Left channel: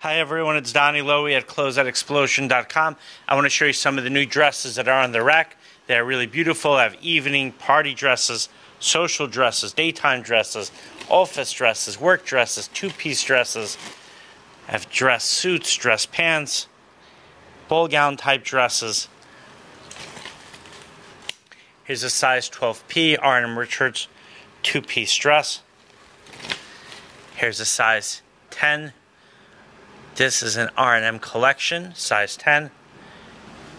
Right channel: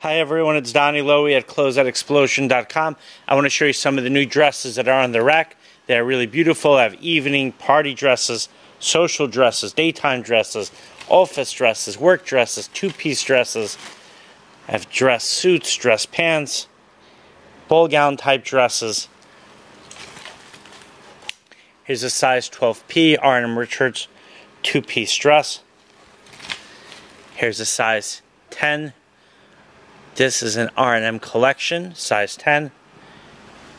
Hi everyone, it's Donnie Lowy at Closeout I want to show you some of the new dresses that are on the rack. They are really beautiful. I have evening, party dresses, social dresses, daytime dresses, office dresses, work dresses, two-piece dresses. I have dress suits, dress pants, ball gown type dresses. Here's a size 12P R&M Richards two-piece dress. Here's a size 10. This is an R&M collection, size 10.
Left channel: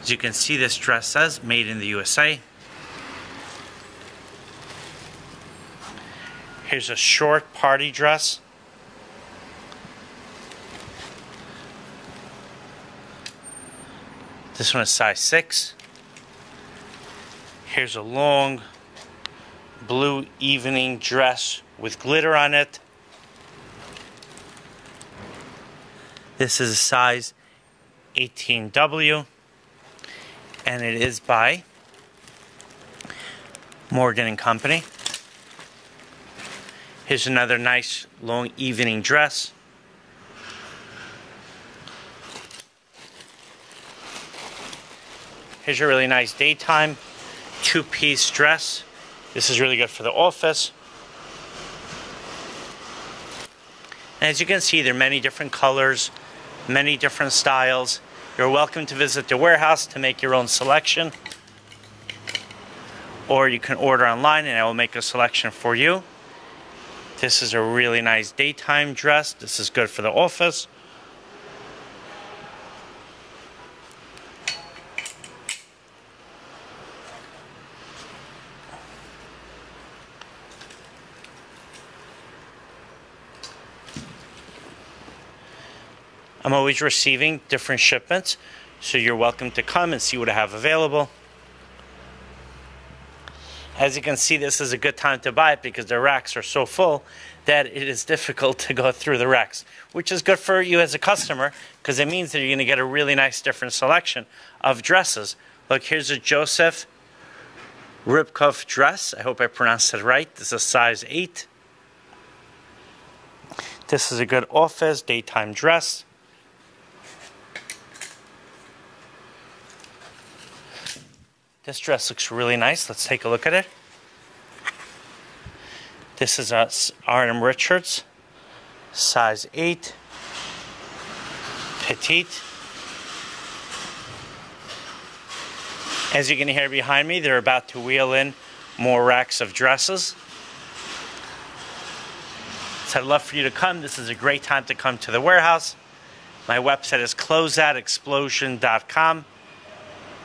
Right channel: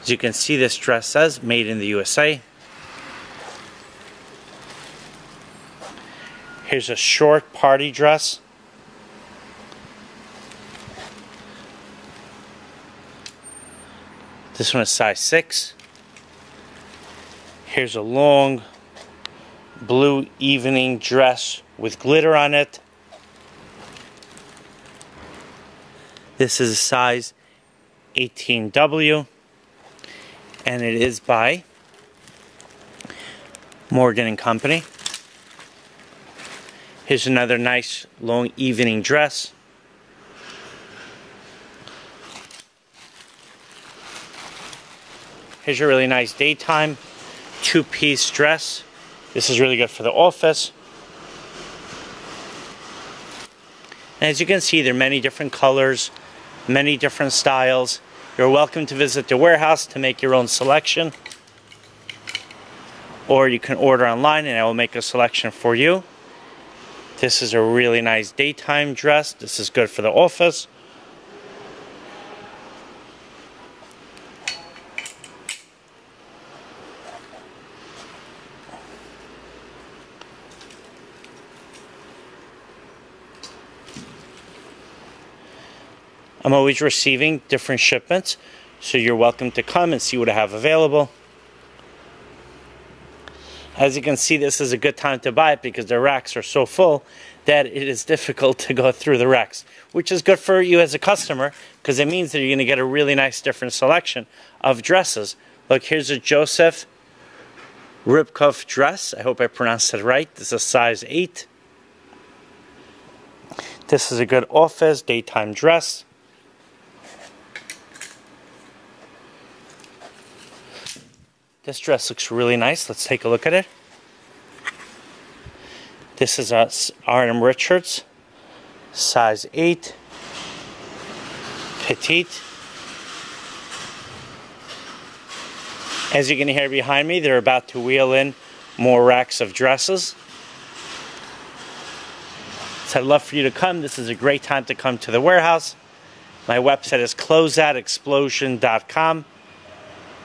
As you can see, this dress says made in the USA. Here's a short party dress. This one is size 6. Here's a long blue evening dress with glitter on it. This is a size 18W, and it is by Morgan & Company. Here's another nice long evening dress. Here's a really nice daytime two-piece dress. This is really good for the office. And as you can see, there are many different colors, many different styles. You're welcome to visit the warehouse to make your own selection. Or you can order online and I will make a selection for you. This is a really nice daytime dress. This is good for the office. I'm always receiving different shipments, so you're welcome to come and see what I have available. As you can see, this is a good time to buy it because the racks are so full that it is difficult to go through the racks, which is good for you as a customer because it means that you're going to get a really nice different selection of dresses. Look, here's a Joseph rib cuff dress. I hope I pronounced it right. This is a size 8. This is a good office daytime dress. This dress looks really nice. Let's take a look at it. This is a R&M Richards, size 8, petite. As you can hear behind me, they're about to wheel in more racks of dresses. So I'd love for you to come. This is a great time to come to the warehouse. My website is closeoutexplosion.com.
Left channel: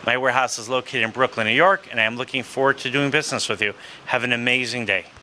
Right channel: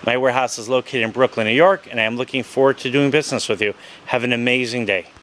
My warehouse is located in Brooklyn, New York, and I am looking forward to doing business with you. Have an amazing day.